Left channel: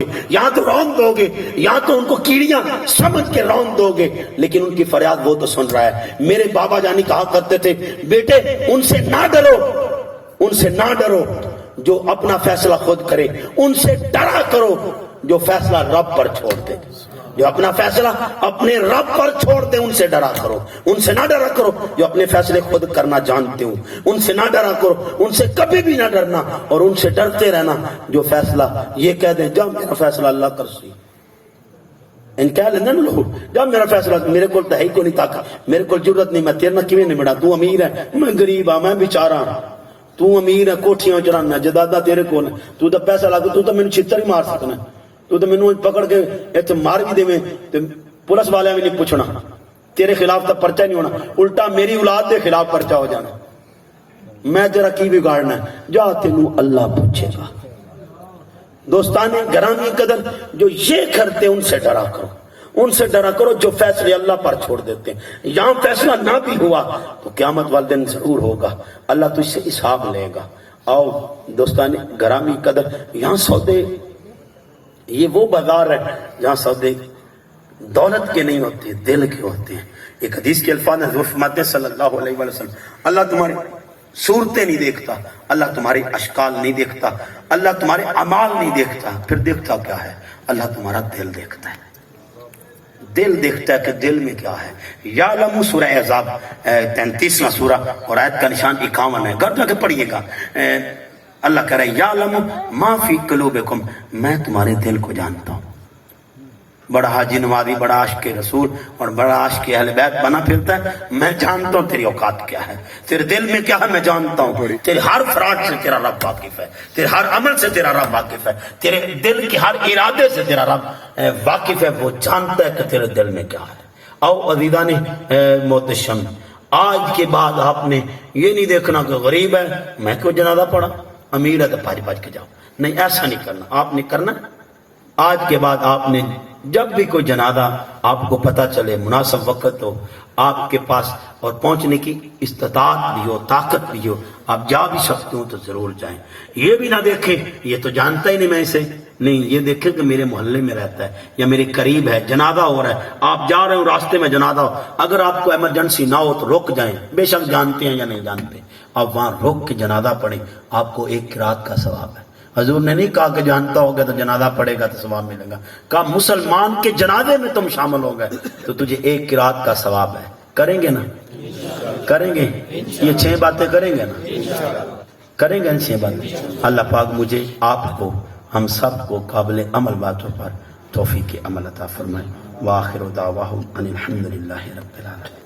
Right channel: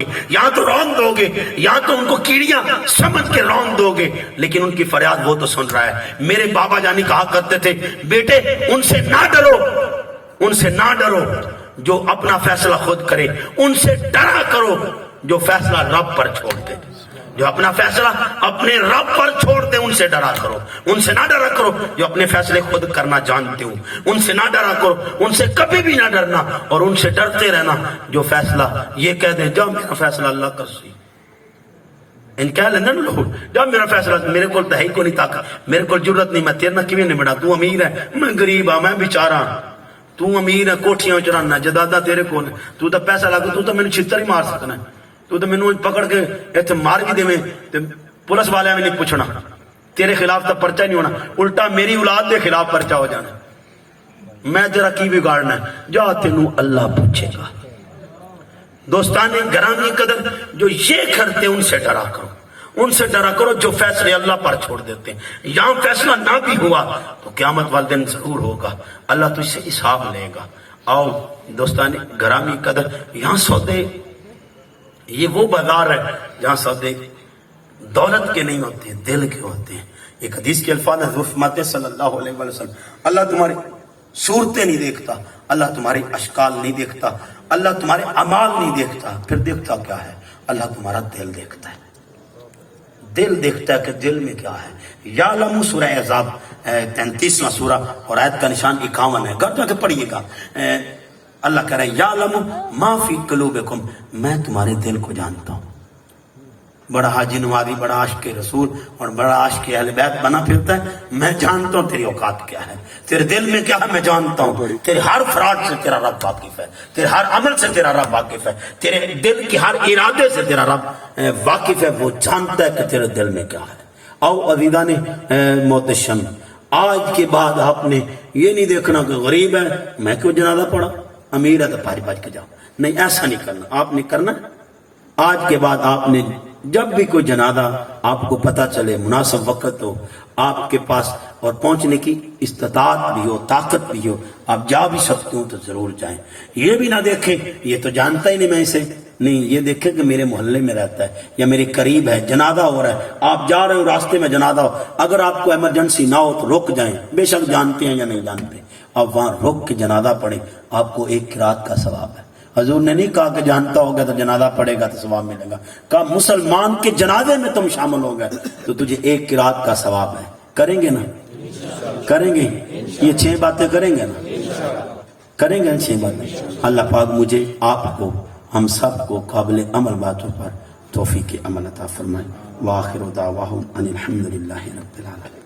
یا تو رون دو گے یا تو ان کو کیڑیاں سمجھ کے رون دو گے، لیکن ان کی فریاد وہ تو سن رہا ہے۔ میرے بابا جانی کہا کرتے تھے، بیٹے ان سے نہ ڈرو، ان سے نہ ڈرو جو اپنا فیصلہ خود کرے، ان سے ڈرا کرو جو فیصلہ رب پر چھوڑ دے، جو اپنا فیصلہ اپنے رب پر چھوڑ دے ان سے ڈرا کرو۔ ان سے نہ ڈرا کرو جو اپنے فیصلے خود کرنا جانتے ہوں، ان سے نہ ڈرا کرو، ان سے کبھی بھی نہ ڈرنا، اور ان سے ڈرتے رہنا جو فیصلہ یہ کہہ دیں جا میرا فیصلہ اللہ کر سی۔ ان کہہ لینا نا لوگ جا میرا فیصلہ، میرے کو تو ہے ہی کو نہیں طاقت، میرے کو ضرورت نہیں، میں تیرے نہ کیویں نہیں بڑا، تو امیر ہے میں غریب ہاں، میں بیچارہ ہاں، تو امیر ہے کوٹھیاں چرانا جدادہ تیرے کو، تو تو پیسہ لا کے تو مینوں چھتر ہی مار سکنا، تو تو مینوں پکڑ کے ایتھے مار بھی دے تے پولیس والے بھی نہیں پوچھنا، تیرے خلاف تو پرچہ نہیں ہونا، الٹا میری اولاد دے خلاف پرچہ ہو جانا، میں تیرا کی بگاڑنا ہے، جا تینوں اللہ پوچھے گا۔ دوستان گرامی قدر جو یہ کرتے ان سے ڈرا کرو، ان سے ڈرا کرو جو فیصلے اللہ پر چھوڑ دیتے ہیں۔ یہاں فیصلہ نہ بھی ہوا تو قیامت والے دن ضرور ہوگا، اللہ تو اس سے حساب لے گا۔ آؤ دوستان گرامی قدر، یہاں سودے یہ وہ بازار ہے جہاں سودے دولت کے نہیں ہوتے، دل کے ہوتے ہیں۔ ایک حدیث کے الفاظ حضور فرماتے ہیں صلی اللہ علیہ وسلم، اللہ تمہاری صورتیں نہیں دیکھتا، اللہ تمہاری اشکال نہیں دیکھتا، اللہ تمہارے اعمال نہیں دیکھتا، پھر دیکھتا کیا ہے؟ اللہ تمہارا دل دیکھتا ہے، دل دیکھتا ہے کہ دل میں کیا ہے۔ یعلم سورہ احزاب 33واں سورہ اور آیت کا نشان 51 ہے، گھر جا کے پڑھیے گا۔ اللہ کہہ رہا ہے یعلم ما فی قلوبکم، میں تمہارے دل کو جانتا ہوں۔ بڑا حاجی نوازی، بڑا عاشق رسول اور بڑا عاشق اہل بیت بنا پھرتا ہے، میں جانتا ہوں تیری اوقات کیا ہے، تیرے دل میں کیا ہے میں جانتا ہوں، تیرے ہر فراڈ سے تیرا رب واقف ہے، تیرے ہر عمل سے تیرا رب واقف ہے، تیرے دل کے ہر ارادے سے تیرا رب واقف ہے، وہ جانتا ہے کہ تیرے دل میں کیا ہے۔ او عزیزان محتشم، آج کے بعد آپ نے یہ نہیں دیکھنا کہ غریب ہے میں کیوں جنازہ پڑھا، امیر ہے تو بھاج بھاج کے جاؤ، نہیں ایسا نہیں کرنا۔ آپ نے کرنا آج کے بعد آپ نے جب بھی کوئی جنازہ آپ کو پتہ چلے، مناسب وقت ہو آپ کے پاس اور پہنچنے کی استطاعت بھی ہو، طاقت بھی ہو، آپ جا بھی سکتے ہو تو ضرور جائیں۔ یہ بھی نہ دیکھیں یہ تو جانتا ہی نہیں میں اسے، نہیں یہ دیکھیں کہ میرے محلے میں رہتا ہے یا میرے قریب ہے، جنازہ ہو رہا ہے، آپ جا رہے ہو راستے میں جنازہ ہو، اگر آپ کو ایمرجنسی نہ ہو تو رک جائیں، بے شک جانتے ہیں یا نہیں جانتے، آپ وہاں رک کے جنازہ پڑھیں، آپ کو ایک قرات کا ثواب ہے۔ حضور نے نہیں کہا کہ جانتا ہوگا تو جنازہ پڑھے گا تو ثواب ملے گا، کہا مسلمان کے جنازے میں تم شامل ہو گئے تو تجھے ایک قرات کا ثواب ہے۔ کریں گے نا؟ کریں گے یہ 6 باتیں کریں گے نا؟ کریں گے ان 6 باتیں؟ اللہ پاک مجھے آپ کو ہم سب کو قابل عمل باتوں پر توفیق عمل عطا فرمائے۔ وآخر دعواہم ان الحمدللہ رب العالمین۔